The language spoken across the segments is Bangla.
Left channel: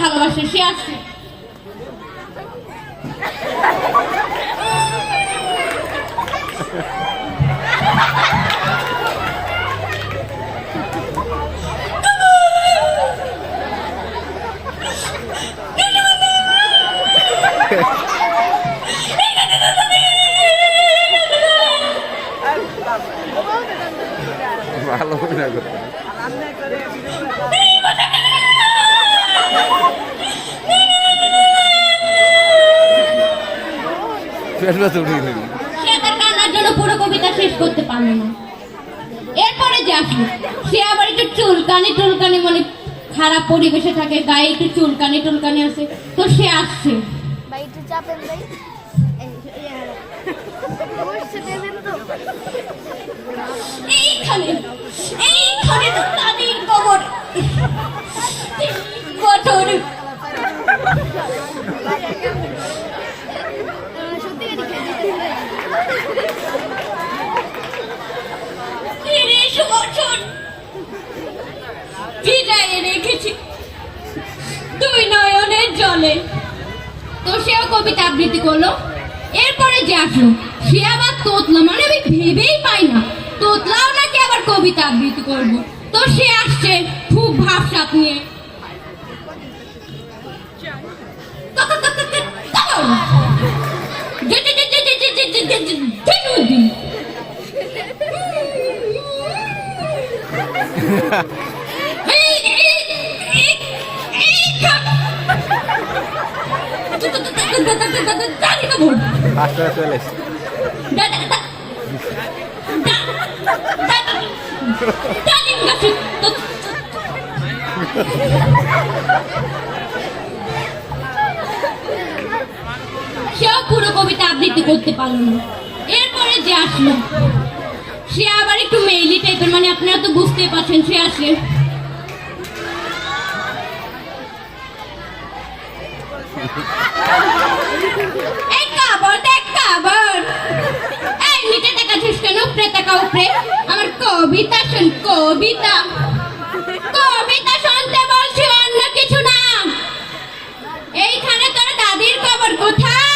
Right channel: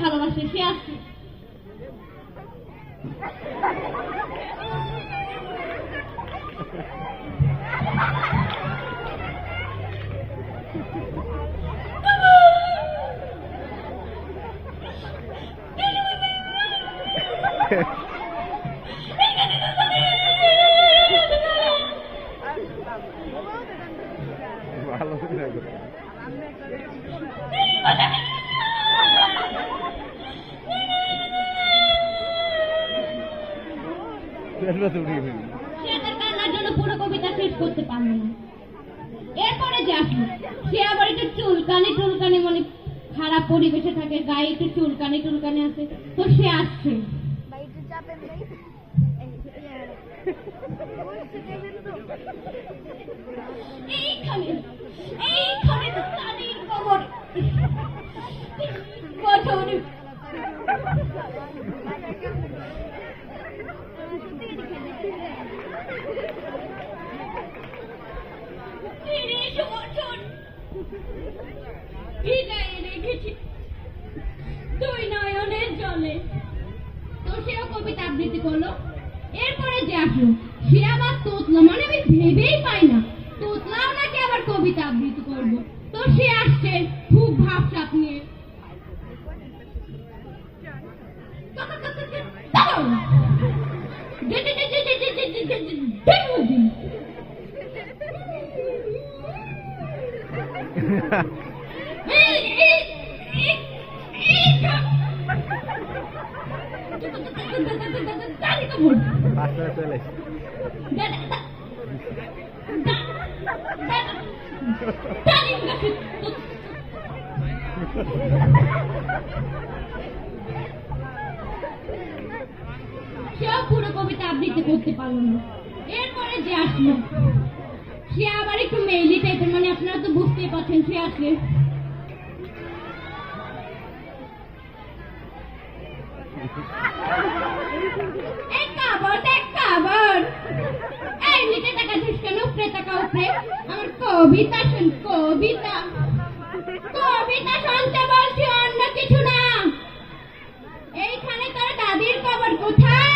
ভালোবাসে, সে আসছে। ভালো না সে তার কান্নার জন্য পুরো কবিতা শেষ করতে পারলো না। এরপরে যে আসলো, সে আবার একটু চুলকানি মানে খারাপ পরিবেশে থাকে, গায়ে একটু চুলকানি আছে, তো সে আসছে। এইখানে তো দাদির কবর। 3 বছর ভিজাইয়ে রেখেছি 2 নয়নের জলে। তো সেও কবিতা আবৃত্তি করলো। এরপরে যে আসলো, সে আবার তোতলা, মানে আমি ভেবেই পাই না তোতলাও নাকি আবার কবিতা আবৃত্তি করবো। তো সে আসছে খুব ভাবসাব নিয়ে। সেও পুরো কবিতা আবৃত্তি করতে পারলো না। এরপরে যে আসলো, সে আবার একটু মেইলি টাইপের, মানে আপনারা তো বুঝতেই পারছেন। সে আসে এই কাবর এই নিচে তাকাচ্ছিস কেন? উপরে তাকা, উপরে। আমার কবিতা শোন, কবিতা শুনতে বলছি, অন্য কিছু না। এইখানে তোর দাদির কবর কোথায়?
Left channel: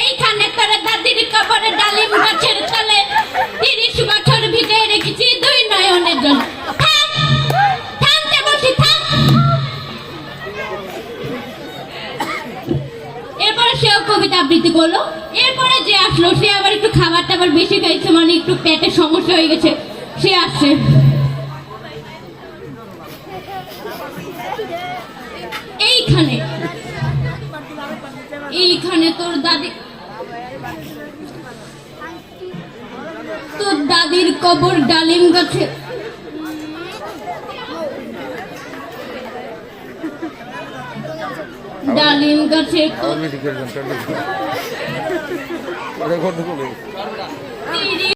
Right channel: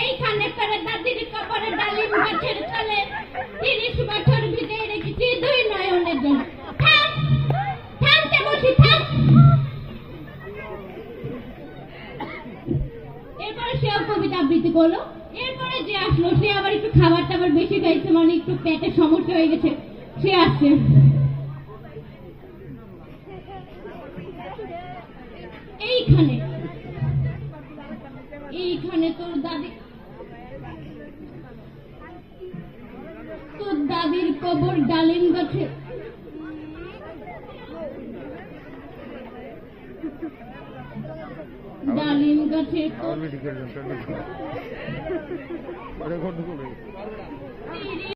এইখানে তোর দাদির কবরে ডালিম গাছের তলে 30 বছর ভিজে রেখেছি 2 নয়নের জল। থামতে বলছি, থাম। এরপরে সেও কবিতা আবৃত্তি করলো। এরপরে যে আসলো, সে আবার একটু খাবার টাবার বেশি খাইছে, মানে একটু পেটের সমস্যা হয়ে গেছে। সে আসছে এইখানে তোর দাদির কবর ডালিম গাছে। ডালিম গাছে